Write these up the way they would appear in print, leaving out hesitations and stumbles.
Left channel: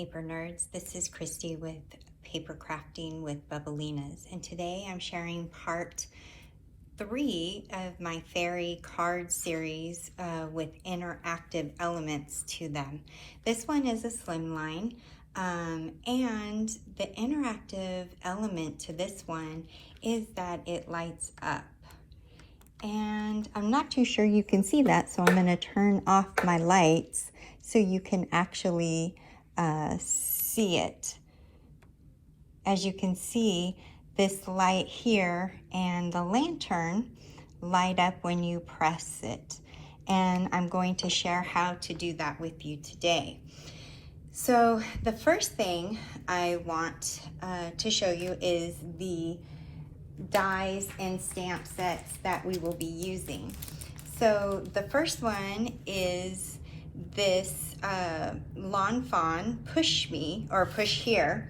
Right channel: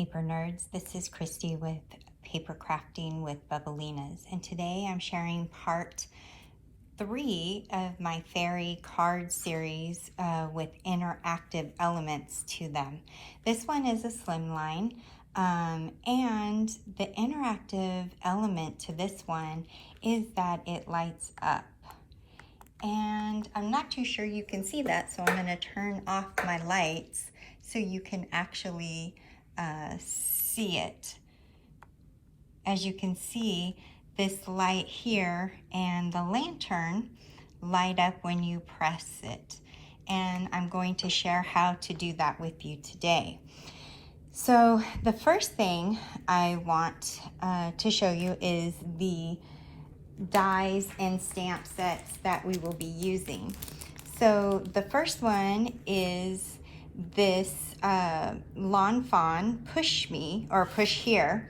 paper nerds. This is Christy with Paper Crafting with Bubblinas, and today I'm sharing part 3 of my fairy card series with interactive elements to them. This one is a slimline, and the interactive element to this one is that it lights up. And I'm not too sure you can see that, so I'm going to turn off my lights so you can actually see it. As you can see, this light here and the lantern light up when you press it. And I'm going to share how to do that with you today. So the first thing I want to show you is the dies and stamp sets that we will be using. So the first one is this Lawn Fawn Push Me or Push Here,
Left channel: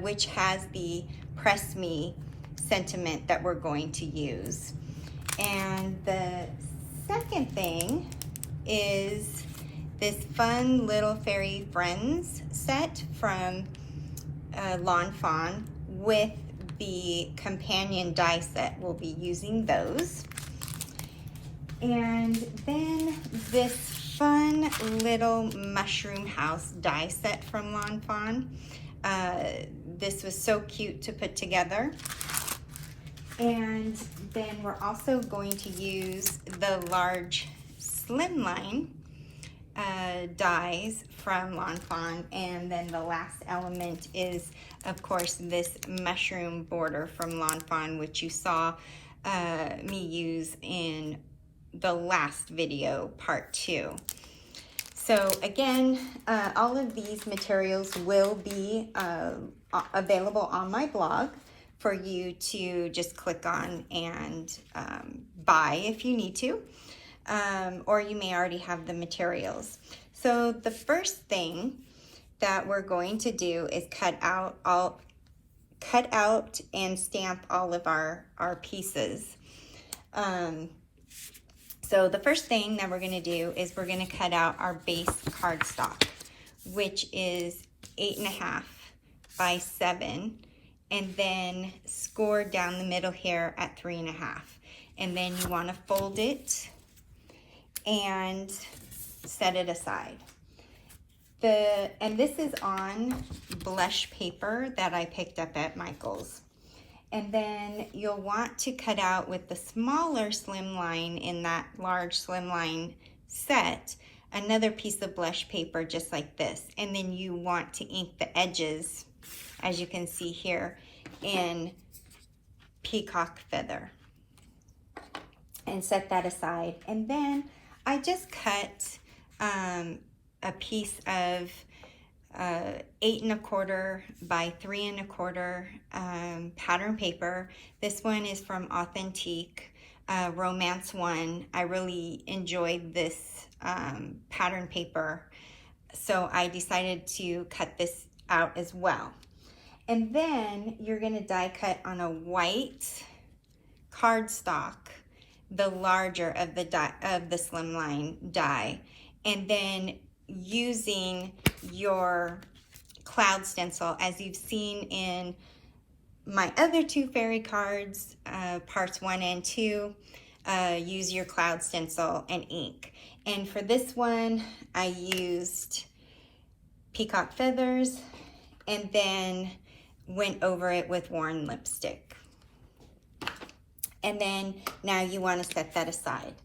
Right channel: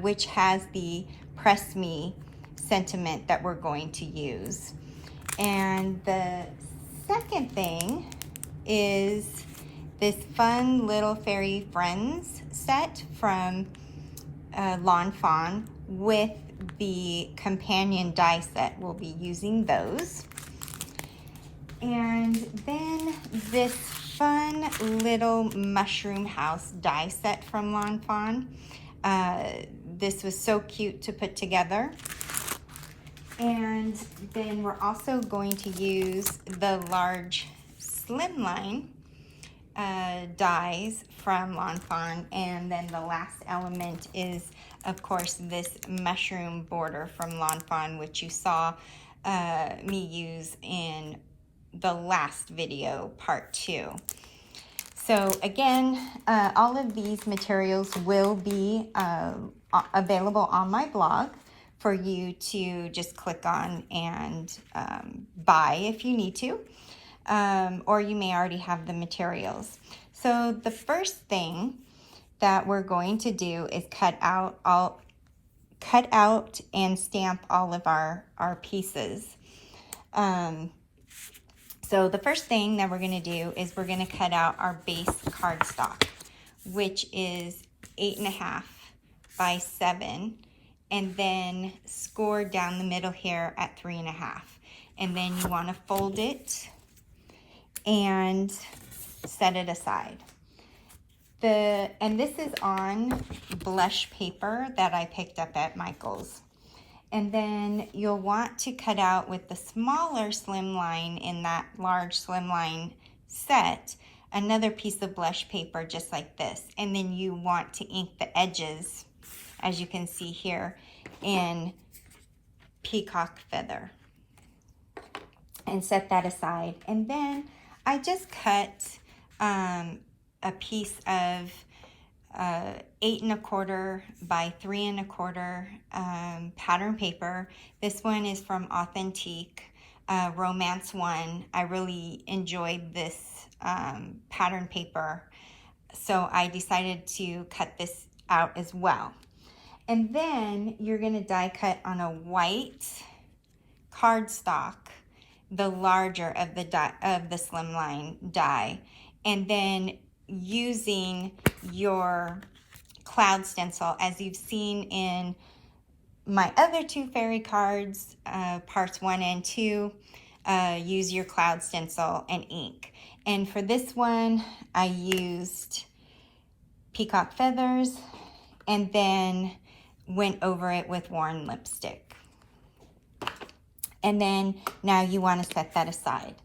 which has the Press Me sentiment that we're going to use. And the second thing is this fun little fairy friends set from Lawn Fawn with the companion die set. We'll be using those. And then this fun little mushroom house die set from Lawn Fawn. This was so cute to put together. And then we're also going to use the large Slimline dies from Lawn Fawn. And then the last element is, of course, this mushroom border from Lawn Fawn, which you saw me use in the last video, part 2. So again, all of these materials will be available on my blog for you to just click on and buy if you need to, or you may already have the materials. So the first thing that we're going to do is cut out and stamp all of our pieces. So the first thing that we're going to do is we're going to cut out our base cardstock, which is 8.5 by 7, and then score down the middle here at 3.5. And then you want to fold it and set it aside. And this is on blush paper that I picked up at Michael's. And then you'll want to cut out with the smaller slimline in that large slimline set, another piece of blush paper just like this. And then you want to ink the edges, as you can see here, in peacock feather. And set that aside. And then I just cut a piece of 8.25 by 3.25 pattern paper. This one is from Authentique Romance 1. I really enjoyed this pattern paper, so I decided to cut this out as well. And then you're going to die cut on a white cardstock, the larger of the slimline die, and then using your cloud stencil, as you've seen in my other 2 fairy cards, parts 1 and 2, use your cloud stencil and ink. And for this one, I used peacock feathers and then went over it with worn lipstick. And then now you want to set that aside.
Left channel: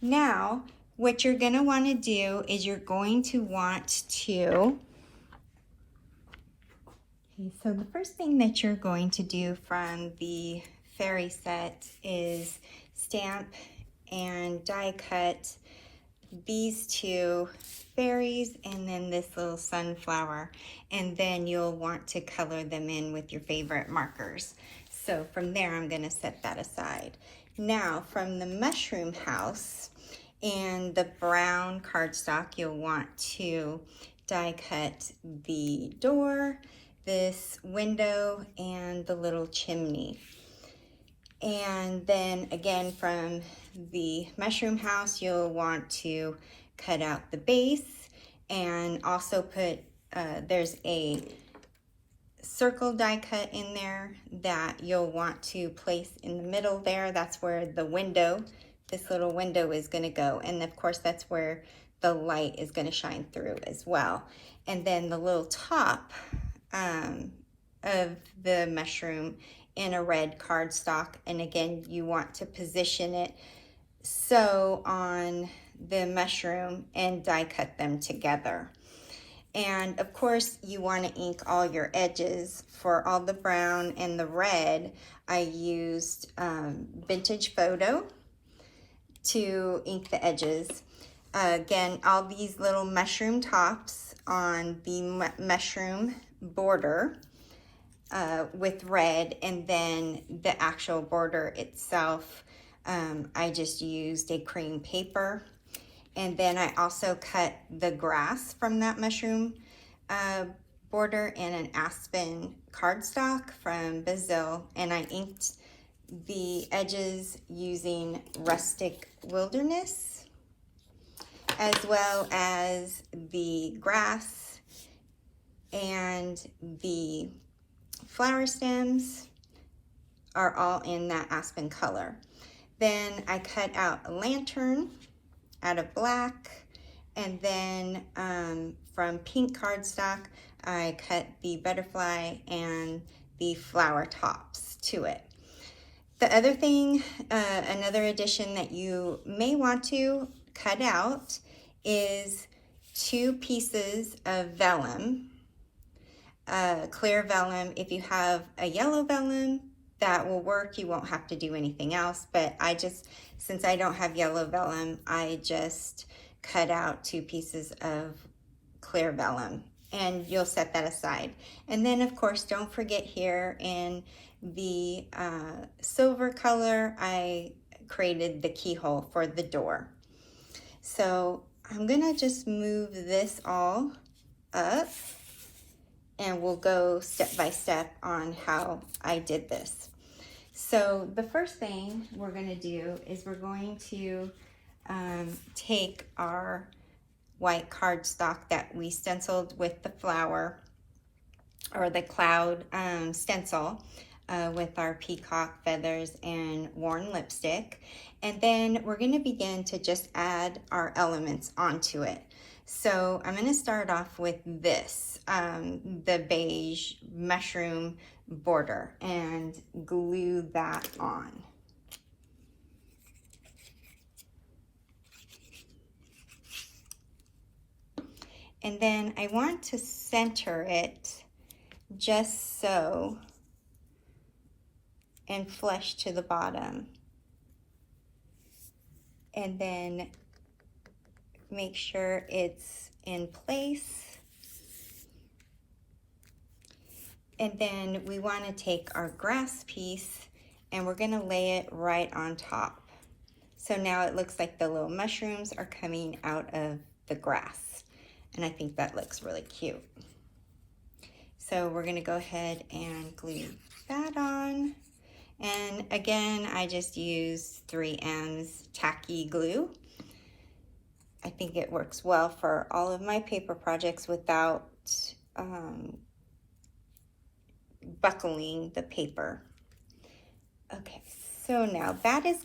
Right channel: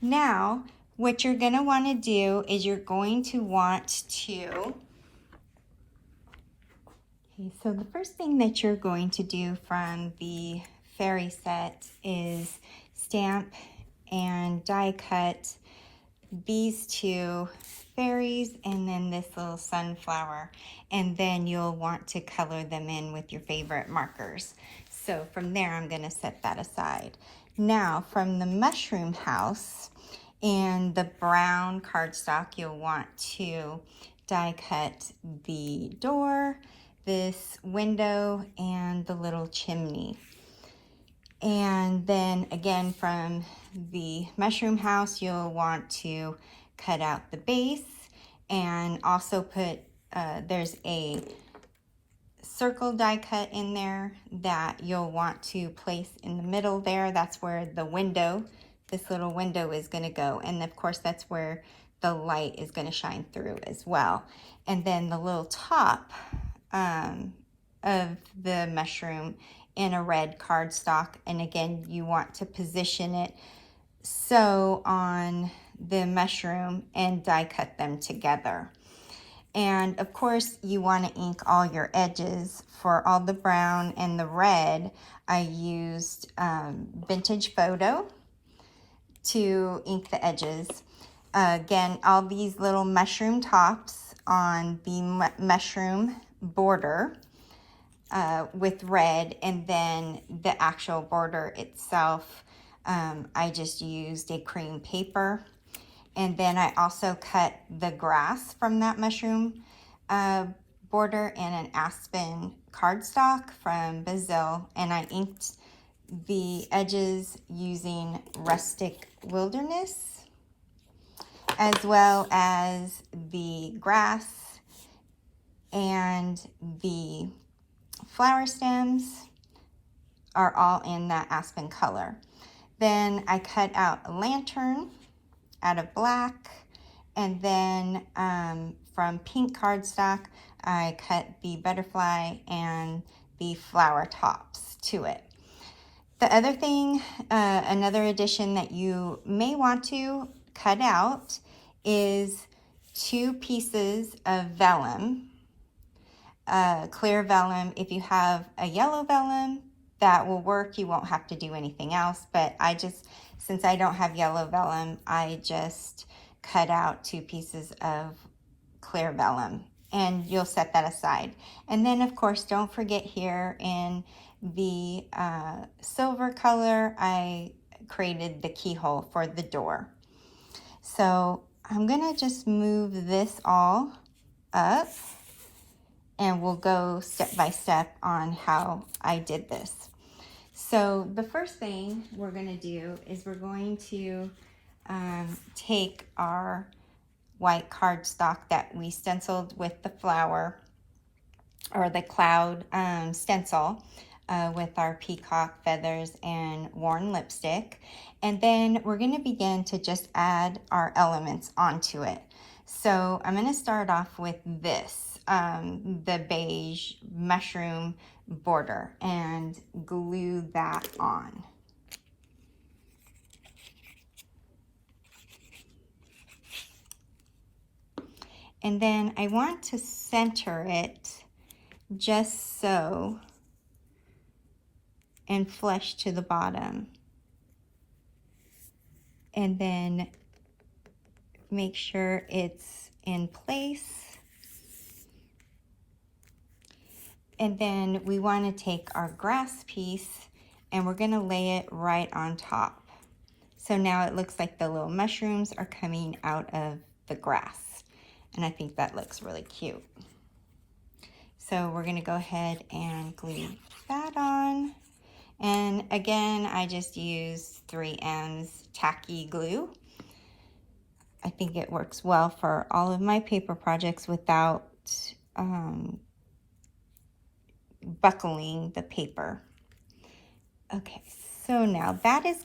Now, what you're going to want to do is you're going to want to, so the first thing that you're going to do from the fairy set is stamp and die cut these 2 fairies and then this little sunflower. And then you'll want to color them in with your favorite markers. So from there, I'm going to set that aside. Now, from the mushroom house and the brown cardstock, you'll want to die cut the door, this window, and the little chimney. And then again, from the mushroom house, you'll want to cut out the base and also put there's a circle die cut in there that you'll want to place in the middle there. That's where the window, this little window, is going to go. And of course, that's where the light is going to shine through as well. And then the little top of the mushroom in a red cardstock. And again, you want to position it so on the mushroom and die cut them together. And of course, you want to ink all your edges. For all the brown and the red, I used Vintage Photo to ink the edges. Again, all these little mushroom tops on the mushroom border with red, and then the actual border itself, I just used a cream paper. And then I also cut the grass from that mushroom border in an aspen cardstock from Brazil, and I inked the edges using Rustic Wilderness, as well as the grass and the flower stems are all in that aspen color. Then I cut out a lantern out of black, and then from pink cardstock I cut the butterfly and the flower tops to it. The other thing, another addition that you may want to cut out is 2 pieces of vellum, clear vellum. If you have a yellow vellum, that will work. You won't have to do anything else, but since I don't have yellow vellum, I just cut out 2 pieces of clear vellum, and you'll set that aside. And then of course, don't forget here in the silver color, I created the keyhole for the door. So I'm gonna just move this all up, and we'll go step by step on how I did this. So the first thing we're going to do is we're going to take our white cardstock that we stenciled with the flower, or the cloud stencil with our peacock feathers and worn lipstick, and then we're going to begin to just add our elements onto it. So I'm going to start off with this, the beige mushroom border, and glue that on. And then I want to center it just so, and flush to the bottom. And then make sure it's in place. And then we want to take our grass piece and we're going to lay it right on top. So now it looks like the little mushrooms are coming out of the grass. And I think that looks really cute. So we're going to go ahead and glue that on. And again, I just used 3M's tacky glue. I think it works well for all of my paper projects without buckling the paper. Okay, so now that is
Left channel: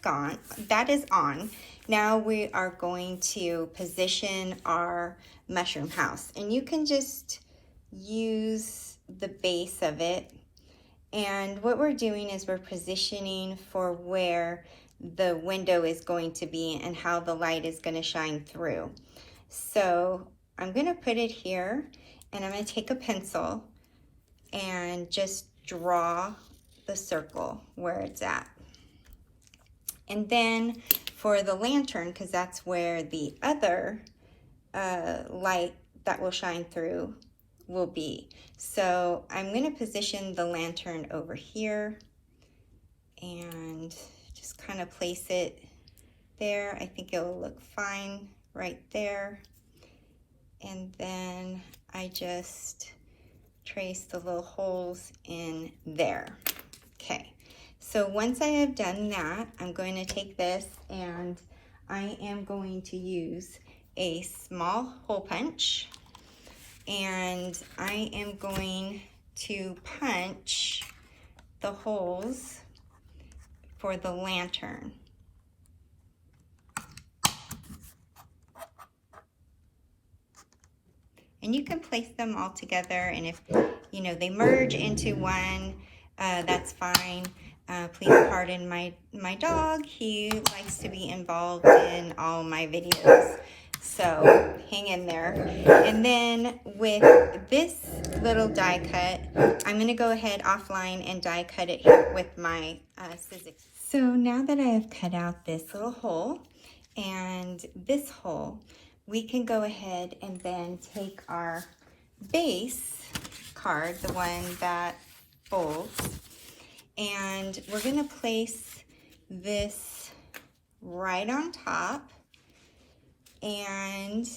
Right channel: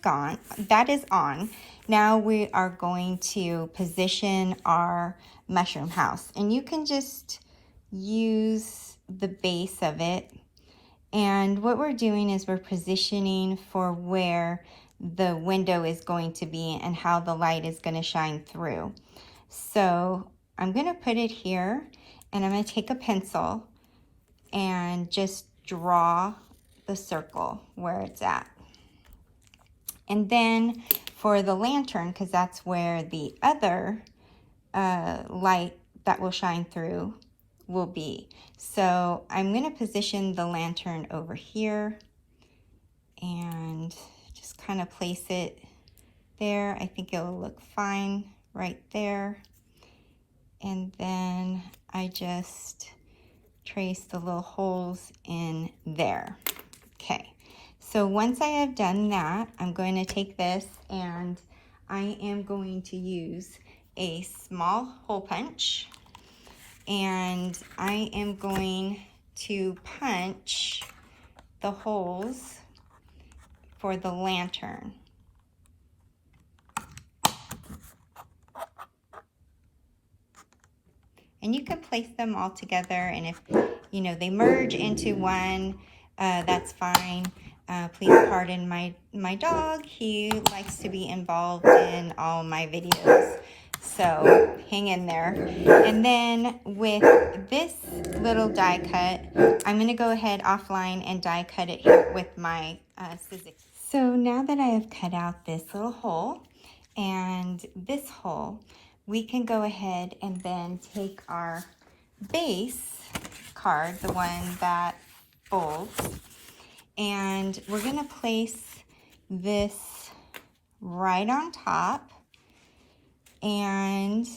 on. Now we are going to position our mushroom house, and you can just use the base of it. And what we're doing is we're positioning for where the window is going to be and how the light is going to shine through. So I'm going to put it here, and I'm going to take a pencil and just draw the circle where it's at. And then for the lantern, because that's where the other light that will shine through will be. So I'm going to position the lantern over here and just kind of place it there. I think it will look fine right there. And then I just trace the little holes in there. Okay, so once I have done that, I'm going to take this and I am going to use a small hole punch, and I am going to punch the holes for the lantern. And you can place them all together, and if you know they merge into one, that's fine. Please pardon my dog. He likes to be involved in all my videos, so hang in there. And then with this little die cut, I'm going to go ahead offline and die cut it here with my scissors. So now that I have cut out this little hole and this hole, we can go ahead and then take our base card, the one that folds, and we're going to place this right on top, and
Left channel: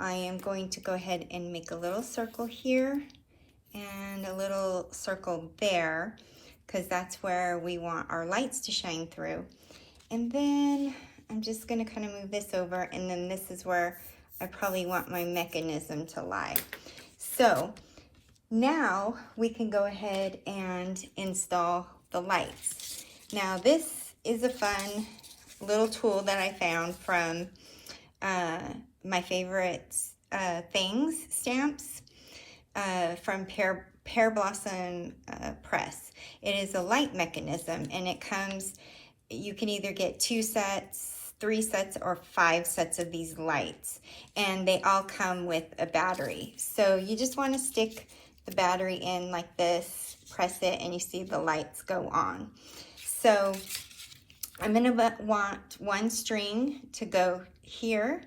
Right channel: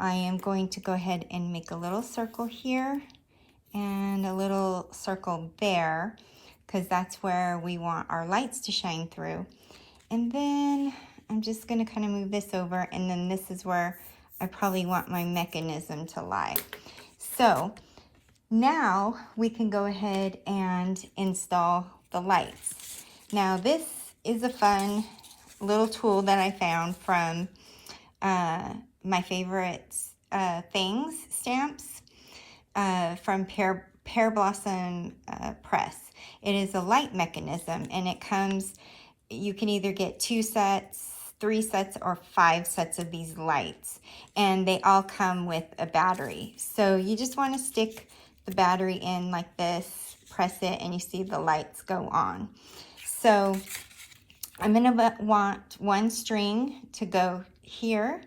I am going to go ahead and make a little circle here and a little circle there, because that's where we want our lights to shine through. And then I'm just going to kind of move this over, and then this is where I probably want my mechanism to lie. So now we can go ahead and install the lights. Now this is a fun little tool that I found from my favorite things stamps from Pear Blossom Press. It is a light mechanism, and it comes, you can either get 2 sets, 3 sets, or 5 sets of these lights, and they all come with a battery. So you just want to stick the battery in like this, press it, and you see the lights go on. So I'm going to want 1 string to go here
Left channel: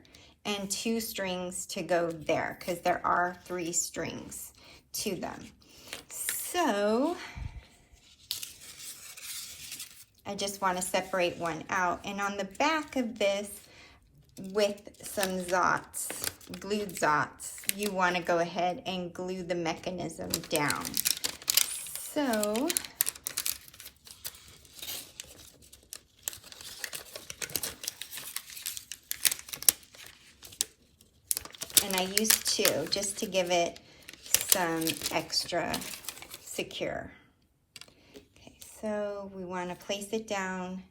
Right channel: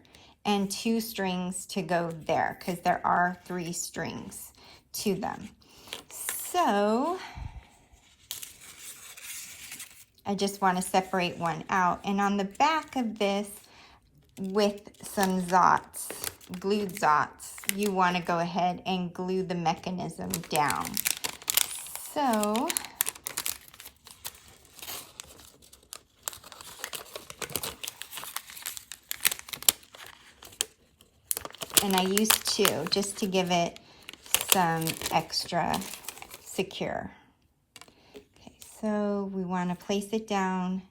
and 2 strings to go there, because there are 3 strings to them. So I just want to separate one out, and on the back of this, with some Zots, glued Zots, you want to go ahead and glue the mechanism down. So and I use 2 just to give it some extra secure. Okay, so we want to place it down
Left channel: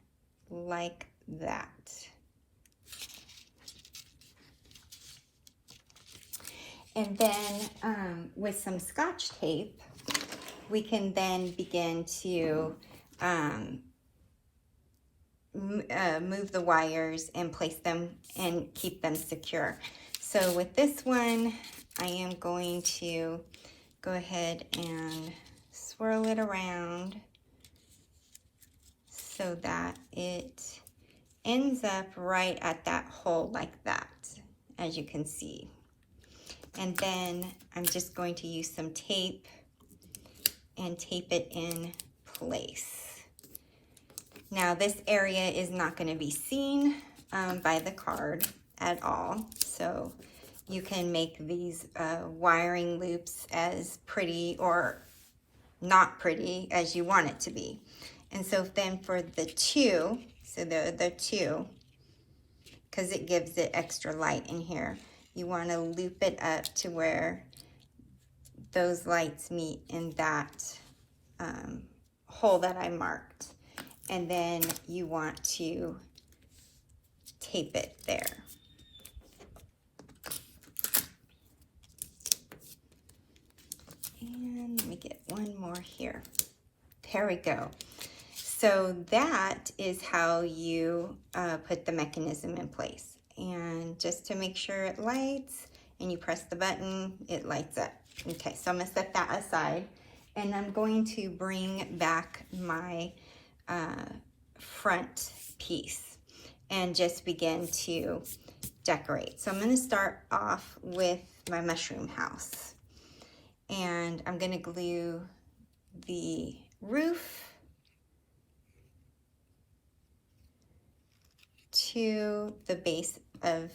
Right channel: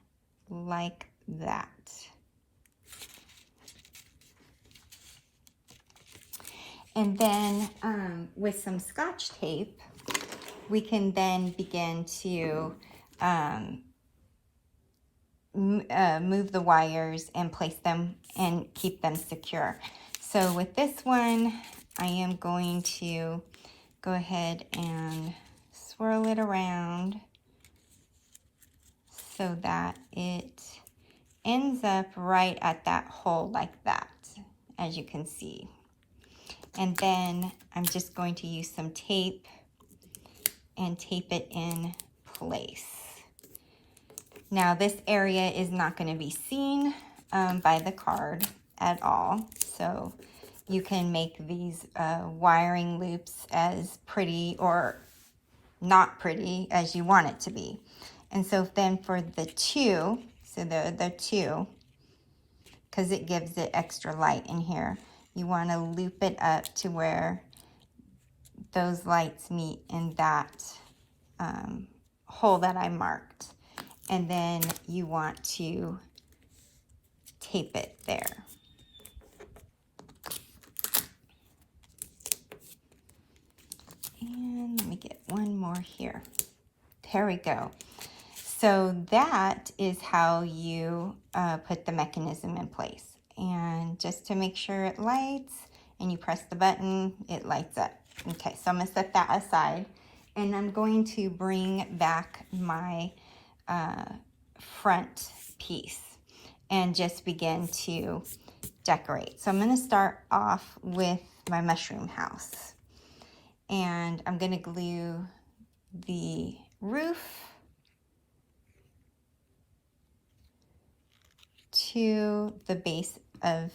like that. And then with some Scotch tape, we can then begin to move the wires and place them and keep them secure. So with this one, I am going to go ahead and swirl it around so that it ends up right at that hole like that, as you can see. And then I'm just going to use some tape and tape it in place. Now this area is not going to be seen by the card at all, so you can make these wiring loops as pretty or not pretty as you want it to be. And so then for the 2, so the 2, because it gives it extra light in here, you want to loop it up to where those lights meet in that hole that I marked. And then you want to tape it there. And let me get one more here. There we go. So that is how you put the mechanism in place. And just to make sure it lights, and you press the button, it lights up. Okay, so I'm going to set that aside, and I'm going to bring back my front piece and just begin to decorate. So I'm going to start off with my mushroom house, and I'm going to glue the roof to the base of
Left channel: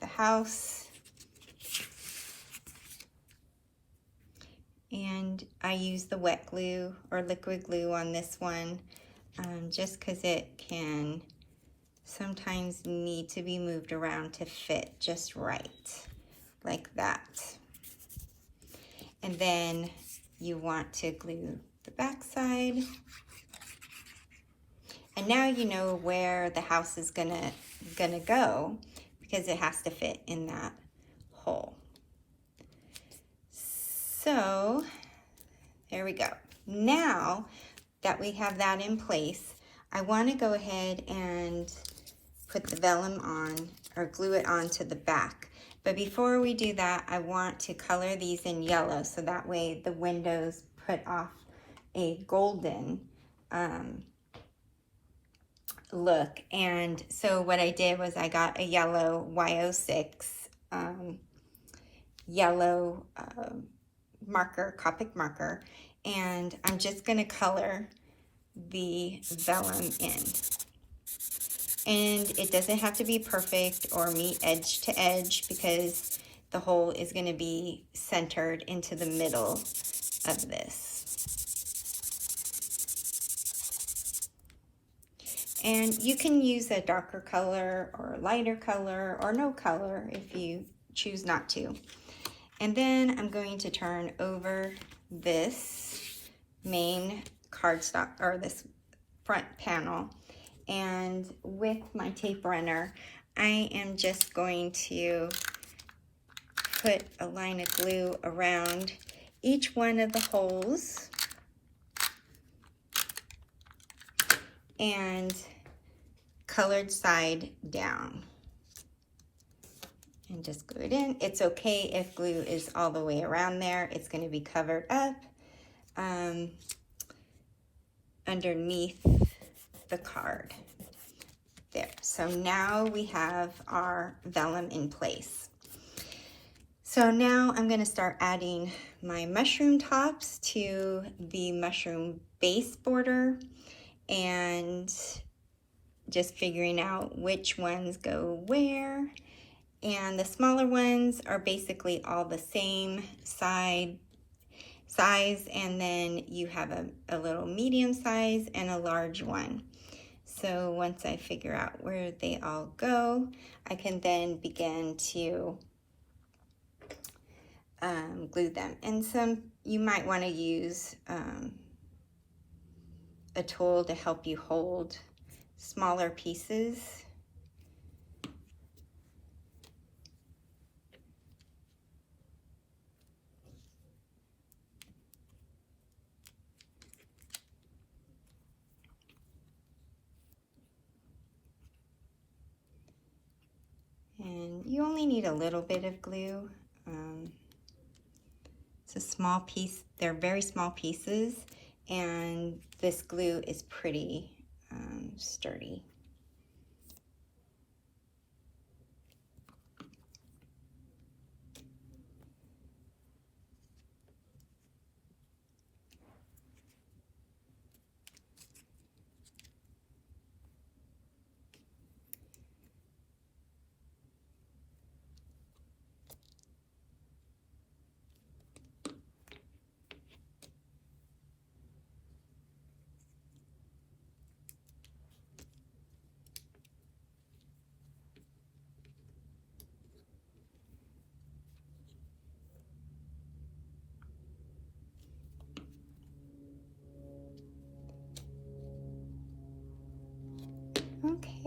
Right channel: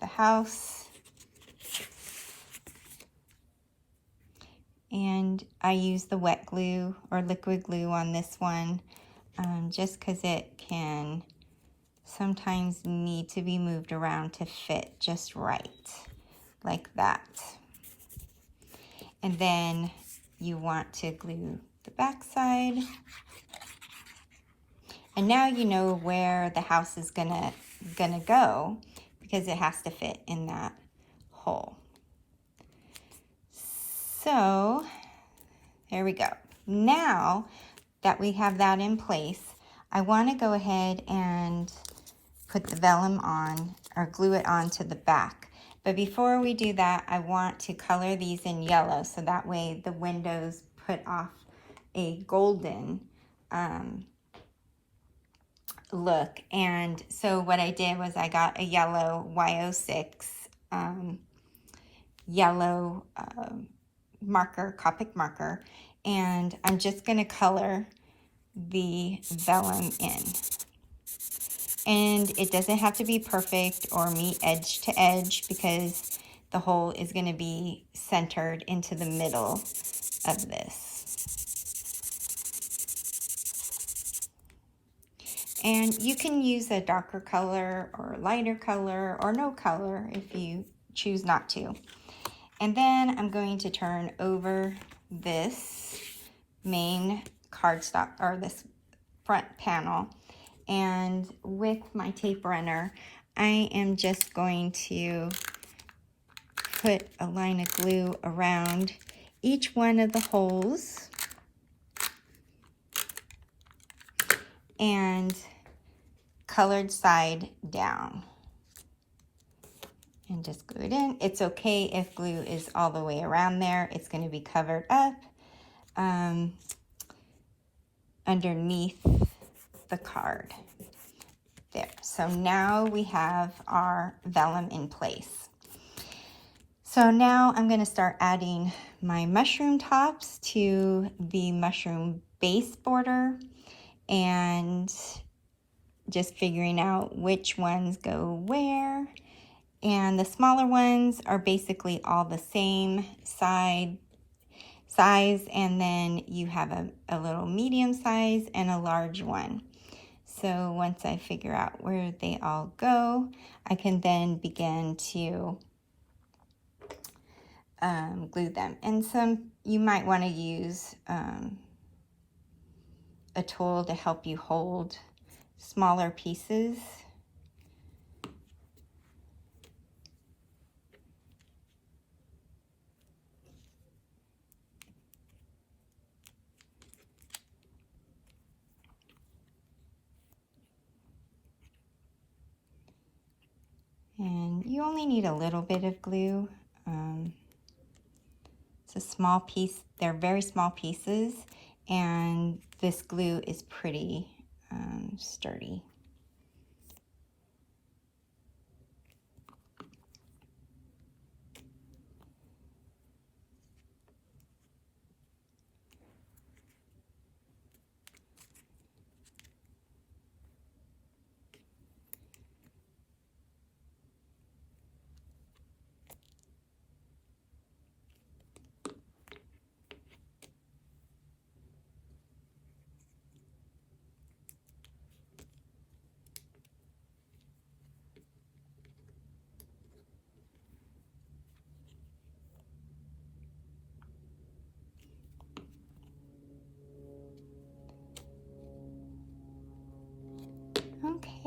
the house, and I use the wet glue or liquid glue on this one just because it can sometimes need to be moved around to fit just right. like that. And then you want to glue the back side. And now you know where the house is gonna go, because it has to fit in that hole. So there we go. Now that we have that in place, I want to go ahead and put the vellum on, or glue it onto the back. But before we do that, I want to color these in yellow, so that way the windows put off a golden look. And so what I did was I got a yellow Y06 yellow marker, Copic marker, and I'm just going to color the vellum in. And it doesn't have to be perfect or meet edge to edge, because the hole is going to be centered into the middle of this. And you can use a darker color or lighter color or no color if you choose not to. And then I'm going to turn over this main cardstock, or this front panel, and with my tape runner, I am just going to put a line of glue around each one of the holes and colored side down, and just glue it in. It's okay if glue is all the way around there. It's going to be covered up underneath the card. There. So now we have our vellum in place. So now I'm going to start adding my mushroom tops to the mushroom base border, and just figuring out which ones go where. And the smaller ones are basically all the same size, and then you have a little medium size and a large one. So once I figure out where they all go, I can then begin to glue them. And you might want to use a tool to help you hold smaller pieces. And you only need a little bit of glue. It's a small piece. They're very small pieces, and this glue is pretty sturdy.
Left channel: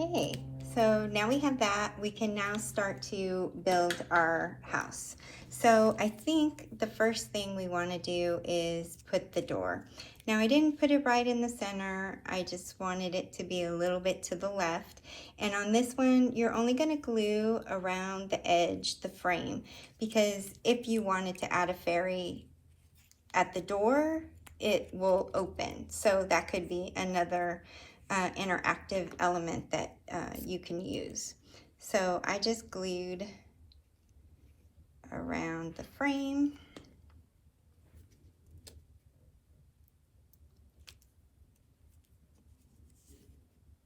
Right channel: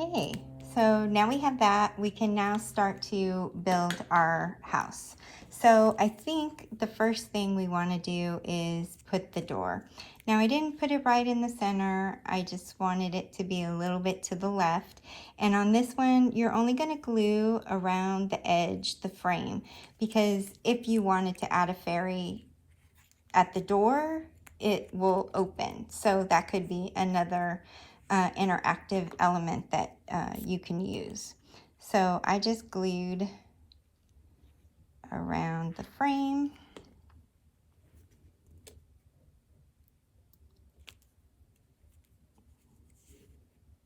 Okay, so now we have that, we can now start to build our house. So I think the first thing we want to do is put the door. Now I didn't put it right in the center, I just wanted it to be a little bit to the left. And on this one, you're only going to glue around the edge, the frame, because if you wanted to add a fairy at the door, it will open. So that could be another interactive element that you can use. So I just glued around the frame.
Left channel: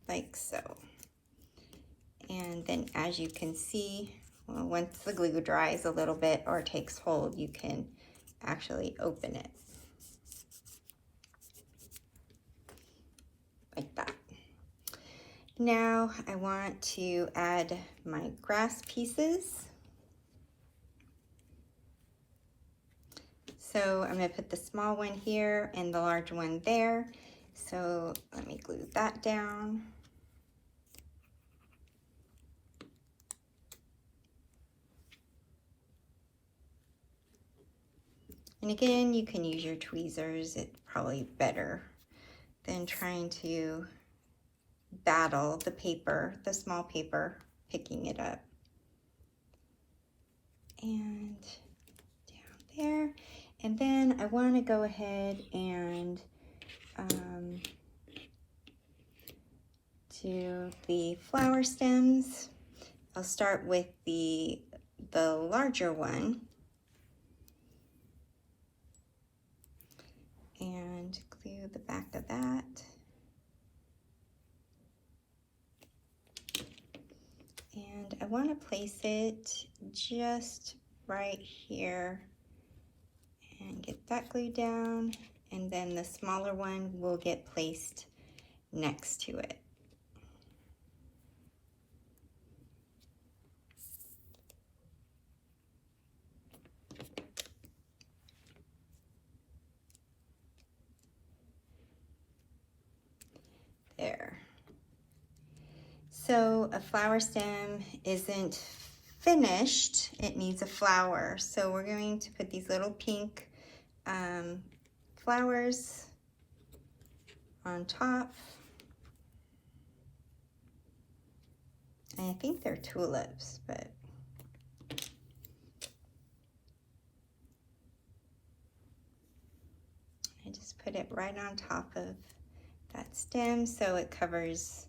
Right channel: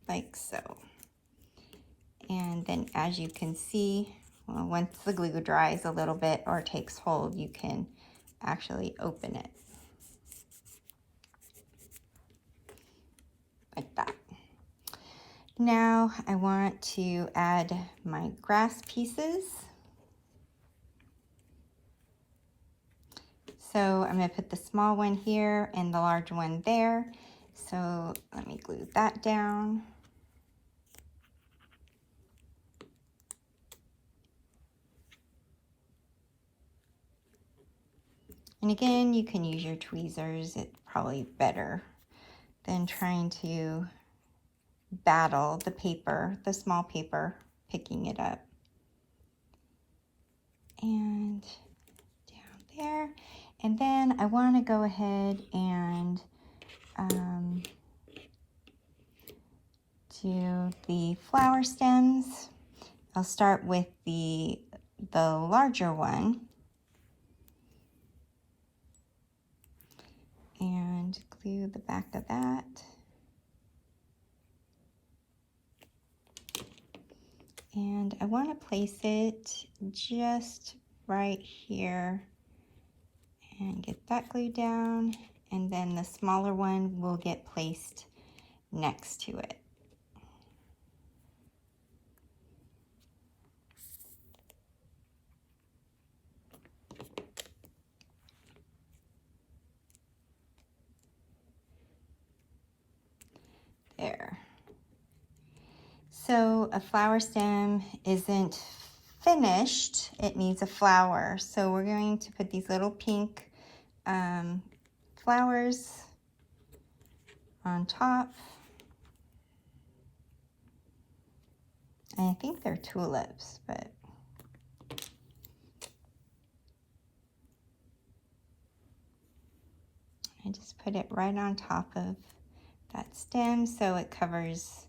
Like so. And then as you can see, well, once the glue dries a little bit or takes hold, you can actually open it. Like that. Now I want to add my grass pieces. So I'm going to put the small one here and the large one there. So let me glue that down. And again, you can use your tweezers. It's probably better than trying to battle the paper, the small paper, picking it up. And down there. And then I want to go ahead and do the flower stems. I'll start with the larger one. And glue the back of that. And I want to place it just right here and get that glued down, and then the smaller one will get placed next to it. There. So a flower stem isn't finished, it needs a flower. So we're going to put these little pink flowers on top. And I think they're tulips, but I just put it right on top of that stem so it covers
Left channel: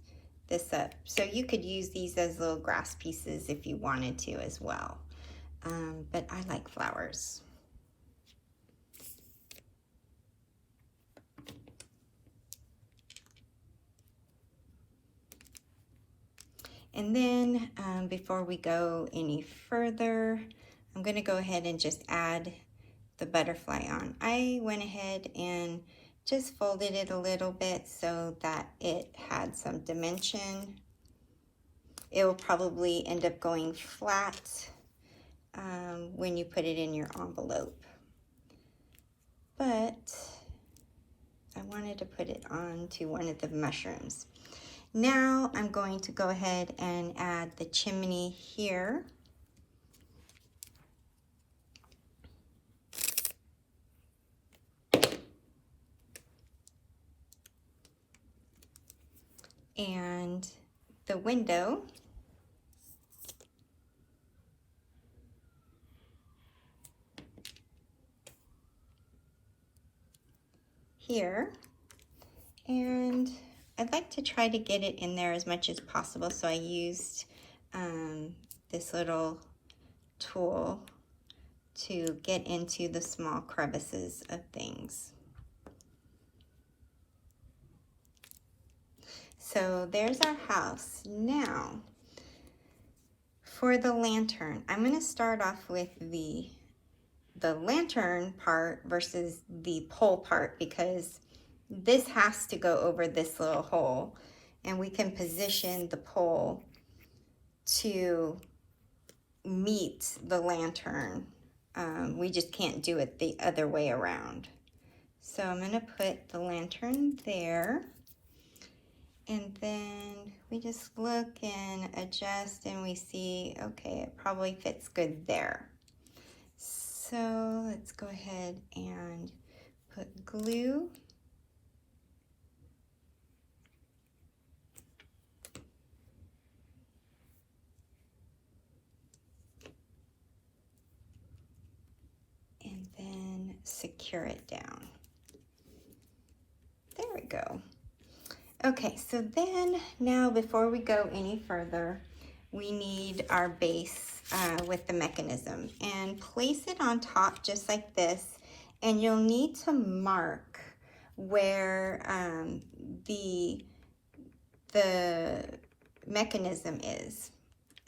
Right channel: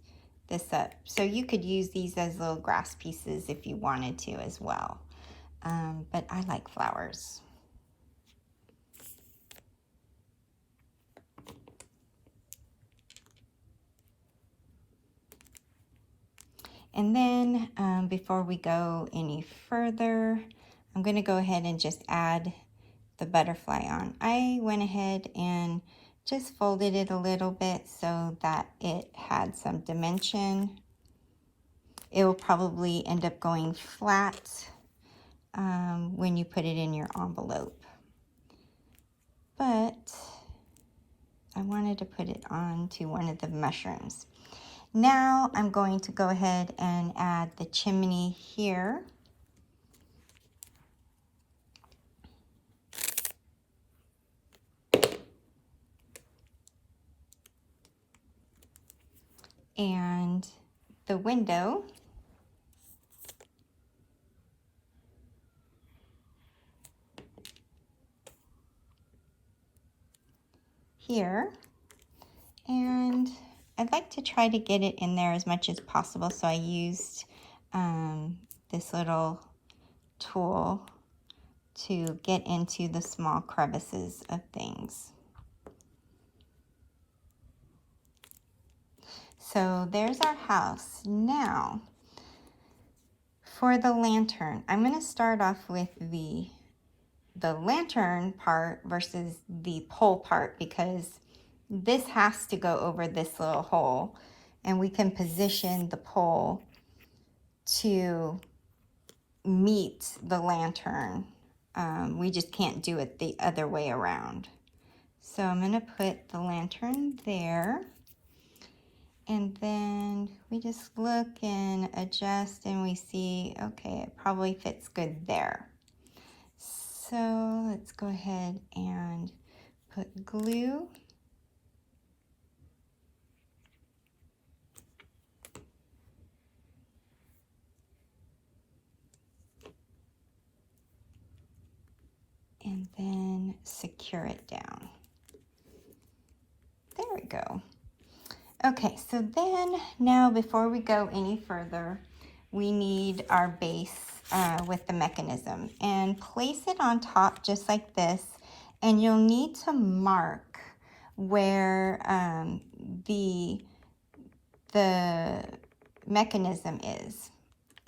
this up. So you could use these as little grass pieces if you wanted to as well. But I like flowers. And then before we go any further, I'm going to go ahead and just add the butterfly on. I went ahead and just folded it a little bit so that it had some dimension. It will probably end up going flat when you put it in your envelope. But I wanted to put it on to one of the mushrooms. Now I'm going to go ahead and add the chimney here. And the window. Here. And I'd like to try to get it in there as much as possible, so I used this little tool to get into the small crevices of things. So there's our house. Now, for the lantern, I'm going to start off with the lantern part versus the pole part, because this has to go over this little hole, and we can position the pole to meet the lantern. We just can't do it the other way around. So I'm going to put the lantern there, and then we just look and adjust, and we see, okay, it probably fits good there. So let's go ahead and put glue. And then secure it down. There we go. Okay, so then now before we go any further, we need our base with the mechanism, and place it on top just like this, and you'll need to mark where the mechanism is.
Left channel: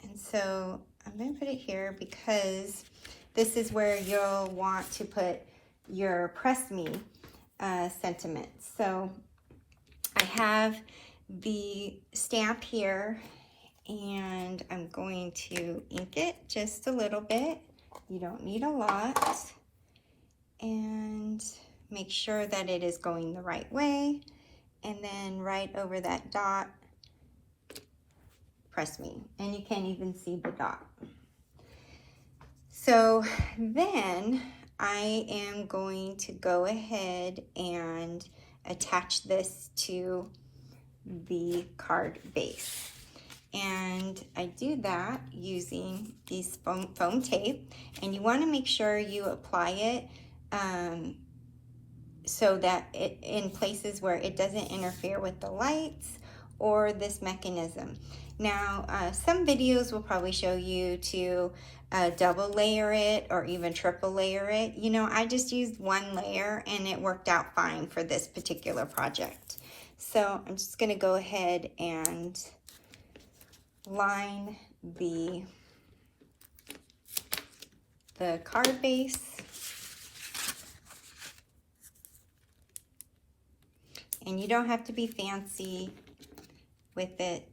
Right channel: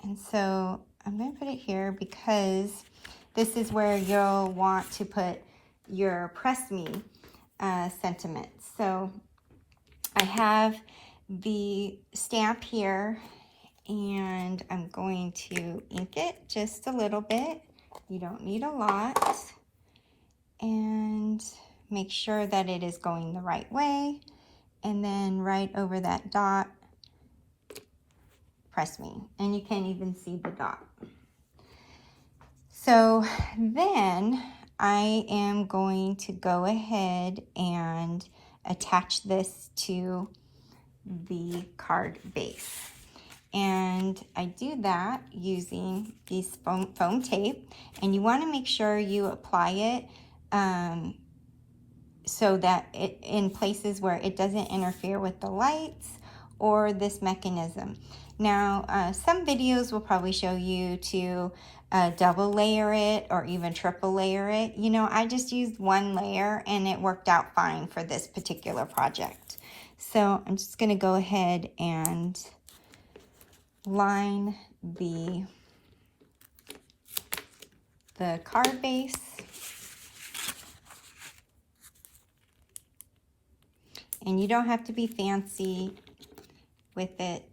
And so I'm going to put it here because this is where you'll want to put your press me sentiment. So I have the stamp here, and I'm going to ink it just a little bit. You don't need a lot. and make sure that it is going the right way. And then right over that dot, press me. And you can even see the dot. So then I am going to go ahead and attach this to the card base. And I do that using these foam tape, and you want to make sure you apply it so that it in places where it doesn't interfere with the lights or this mechanism. Now, some videos will probably show you to double layer it or even triple layer it. You know, I just used one layer and it worked out fine for this particular project. So I'm just going to go ahead and line the card base. And you don't have to be fancy with it.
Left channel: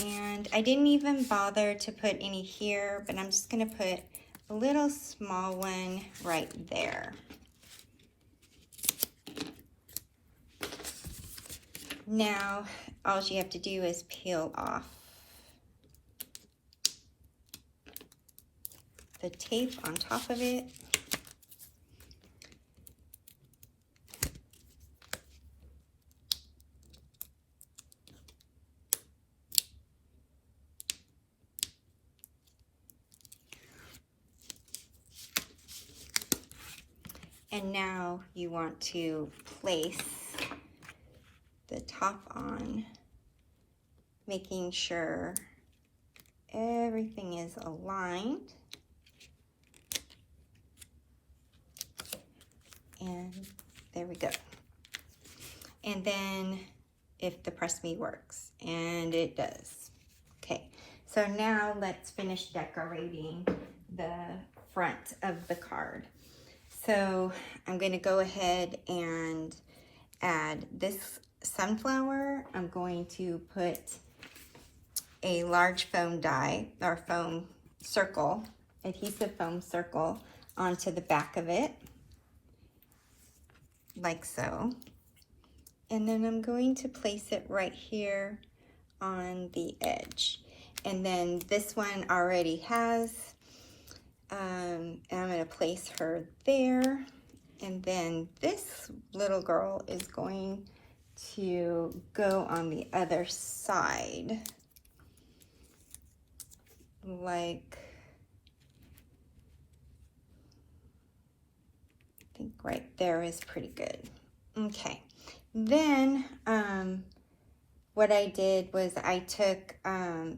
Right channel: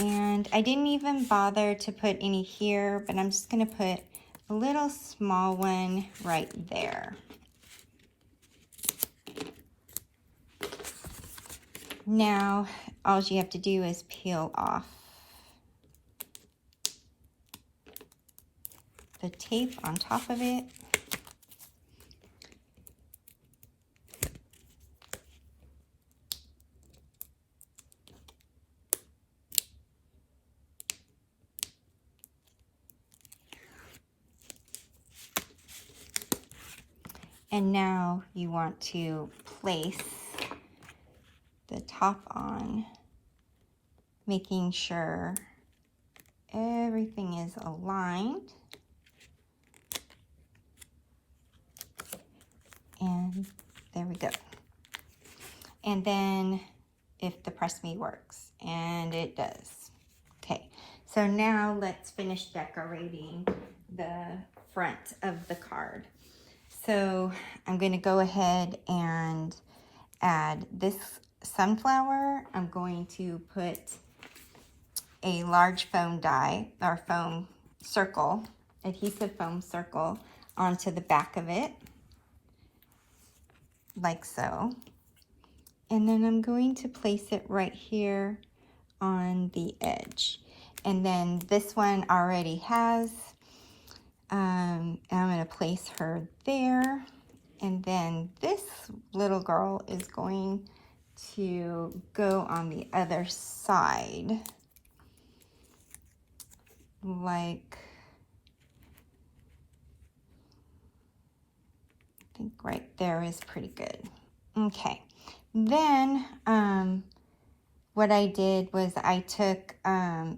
And I didn't even bother to put any here, but I'm just going to put a little small one right there. Now, all you have to do is peel off the tape on top of it. And now you want to place the top on, making sure everything is aligned. And there we go. And then if the press me works, and it does. Okay, so now let's finish decorating the front of the card. So I'm going to go ahead and add this sunflower. I'm going to put a large foam die or foam circle, adhesive foam circle, onto the back of it, like so. And then I'm going to place it right here on the edge. And then this one already has, I'm going to place her there. And then this little girl is going to go on the other side. Like, I think right there is pretty good. Okay, then what I did was I took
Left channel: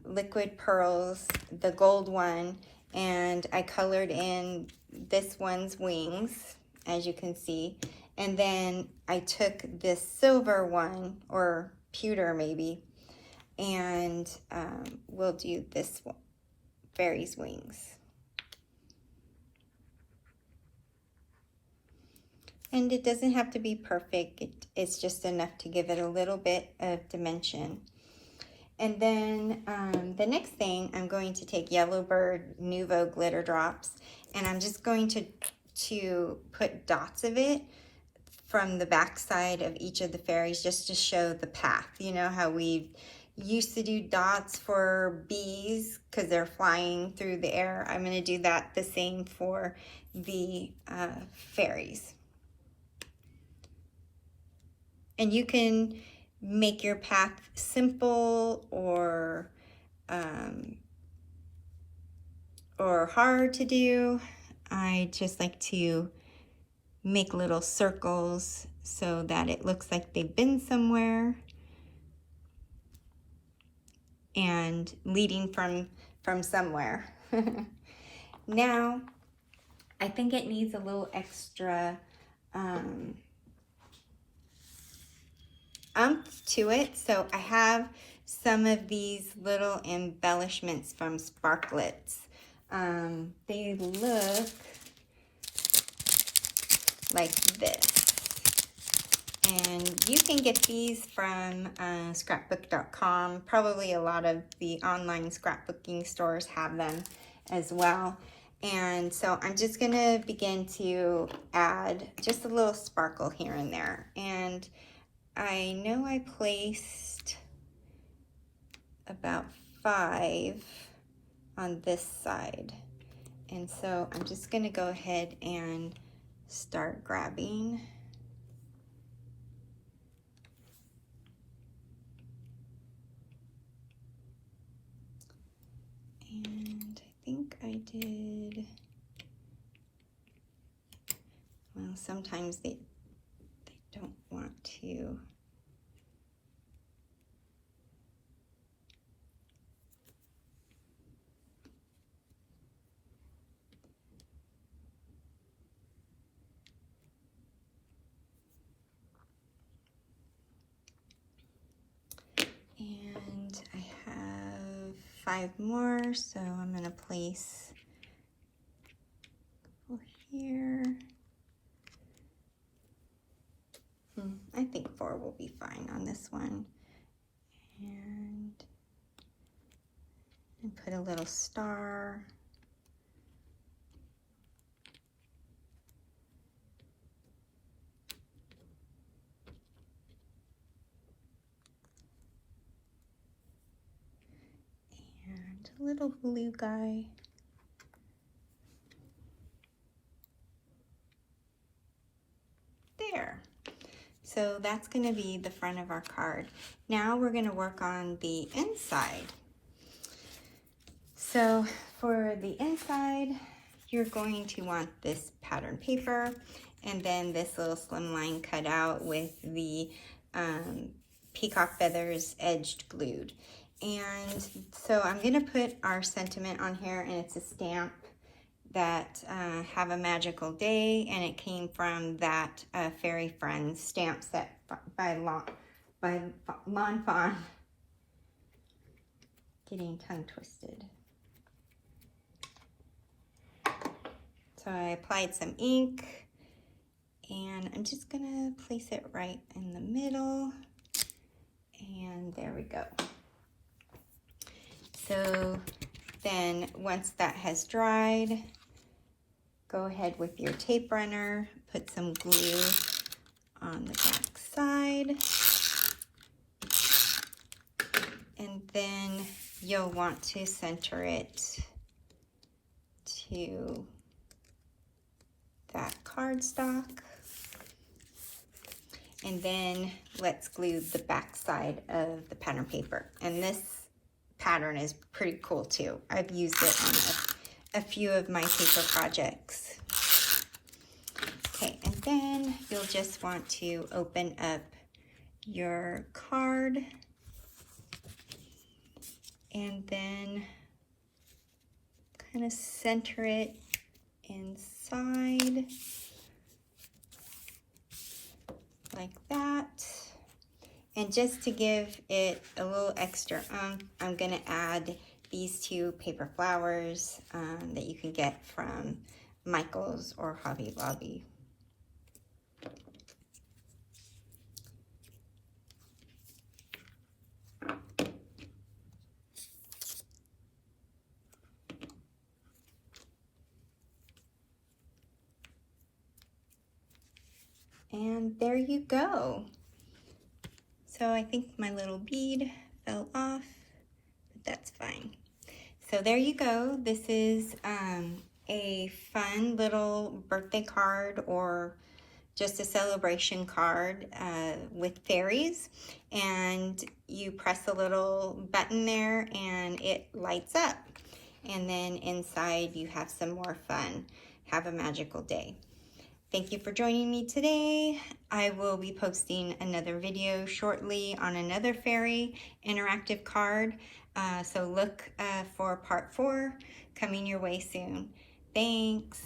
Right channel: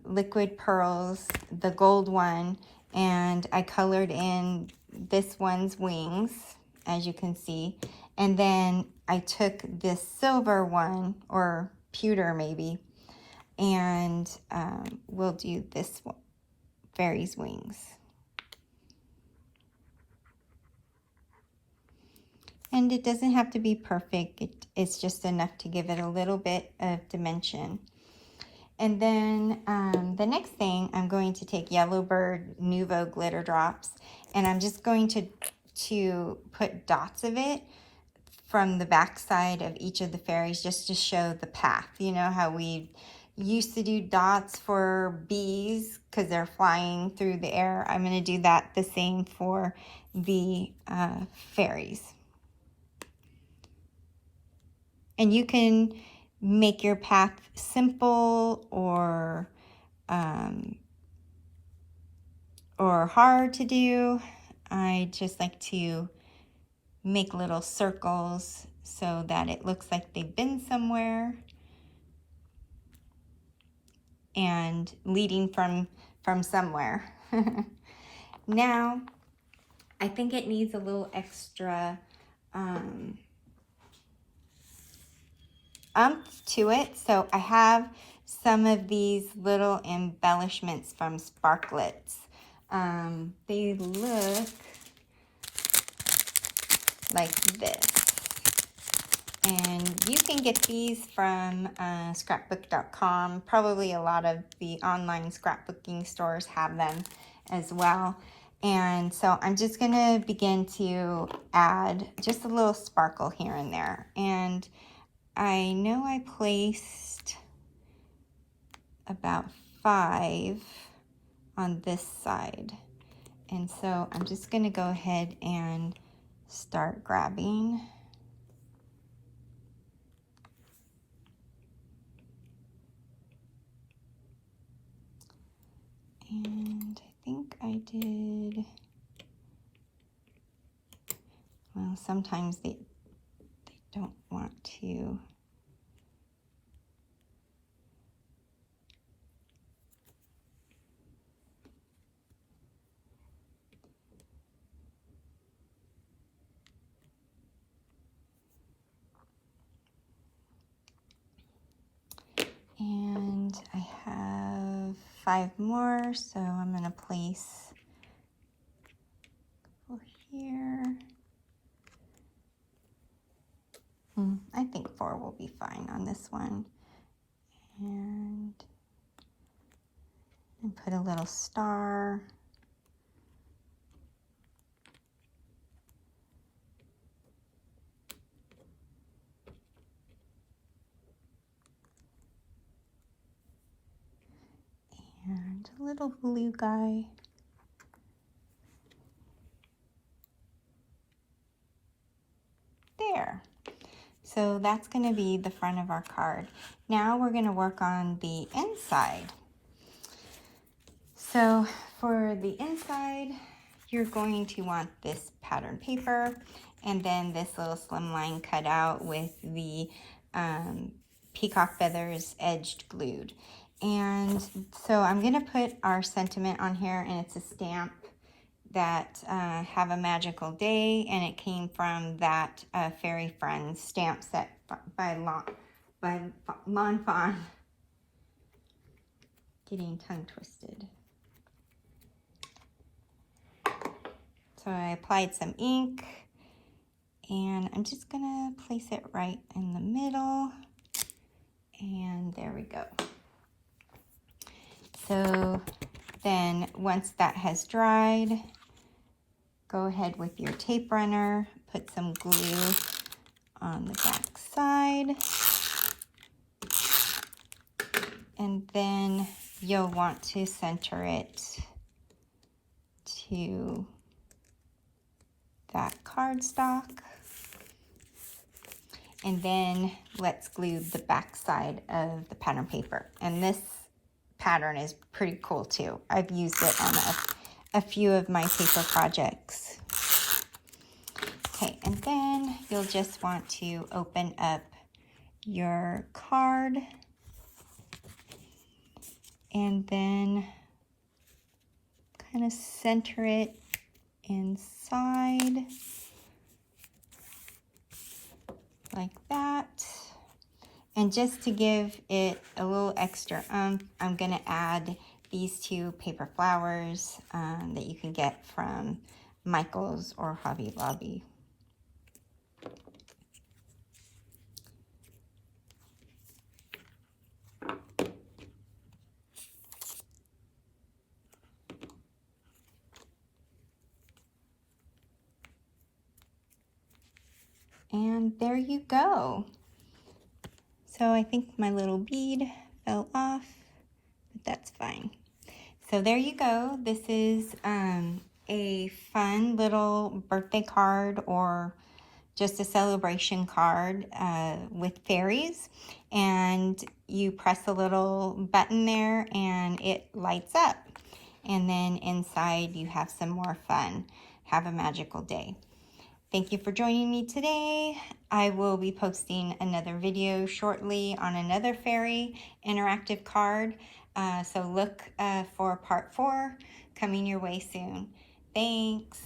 liquid pearls, the gold one, and I colored in this one's wings, as you can see. And then I took this silver one, or pewter maybe, and we'll do this one, fairy's wings. And it doesn't have to be perfect. It's just enough to give it a little bit of dimension. And then the next thing, I'm going to take Yellowbird Nouveau glitter drops, and I'm just going to put dots of it from the back side of each of the fairies, just to show the path. You know how we used to do dots for bees because they're flying through the air? I'm going to do that the same for the fairies. And you can make your path simple or hard to do. I just like to make little circles so that it looks like they've been somewhere and leading from somewhere. Now, I think it needs a little extra umph to it, so I have some of these little embellishments from Sparklets. They look like this. And you can get these from scrapbook.com. Probably a lot of the online scrapbooking stores have them as well. And so I'm just gonna begin to add just a little sparkle here and there. And I know I placed about 5 on this side. And so I'm just gonna go ahead and start grabbing. And I think I did, well, sometimes they don't want to. And I have 5 more, so I'm gonna place 4 here. I think 4 will be fine on this one. And put a little star. And a little blue guy. There. So that's going to be the front of our card. Now we're going to work on the inside. So for the inside, you're going to want this pattern paper and then this little slimline cut out with the peacock feathers edged glued. And so I'm going to put our sentiment on here, and it's a stamp that have a magical day, and it came from that Fairy Friends stamp set by Lon Fawn. Getting tongue twisted. So I applied some ink, and I'm just gonna place it right in the middle, and there we go. So then once that has dried, go ahead with your tape runner, put some glue on the back side, and then you'll want to center it to that cardstock. And then let's glue the back side of the pattern paper. And this pattern is pretty cool too. I've used it on a few of my paper projects. Okay, and then you'll just want to open up your card and then kind of center it inside like that. And just to give it a little extra I'm gonna add these 2 paper flowers that you can get from Michael's or Hobby Lobby. And there you go. So I think my little bead fell off, but that's fine. So there you go. This is a fun little birthday card or just a celebration card with fairies. And you press a little button there and it lights up. And then inside you have some more fun. Have a magical day. Thank you for joining me today. I will be posting another video shortly on another fairy interactive card. So look for part 4 coming your way soon. Thanks.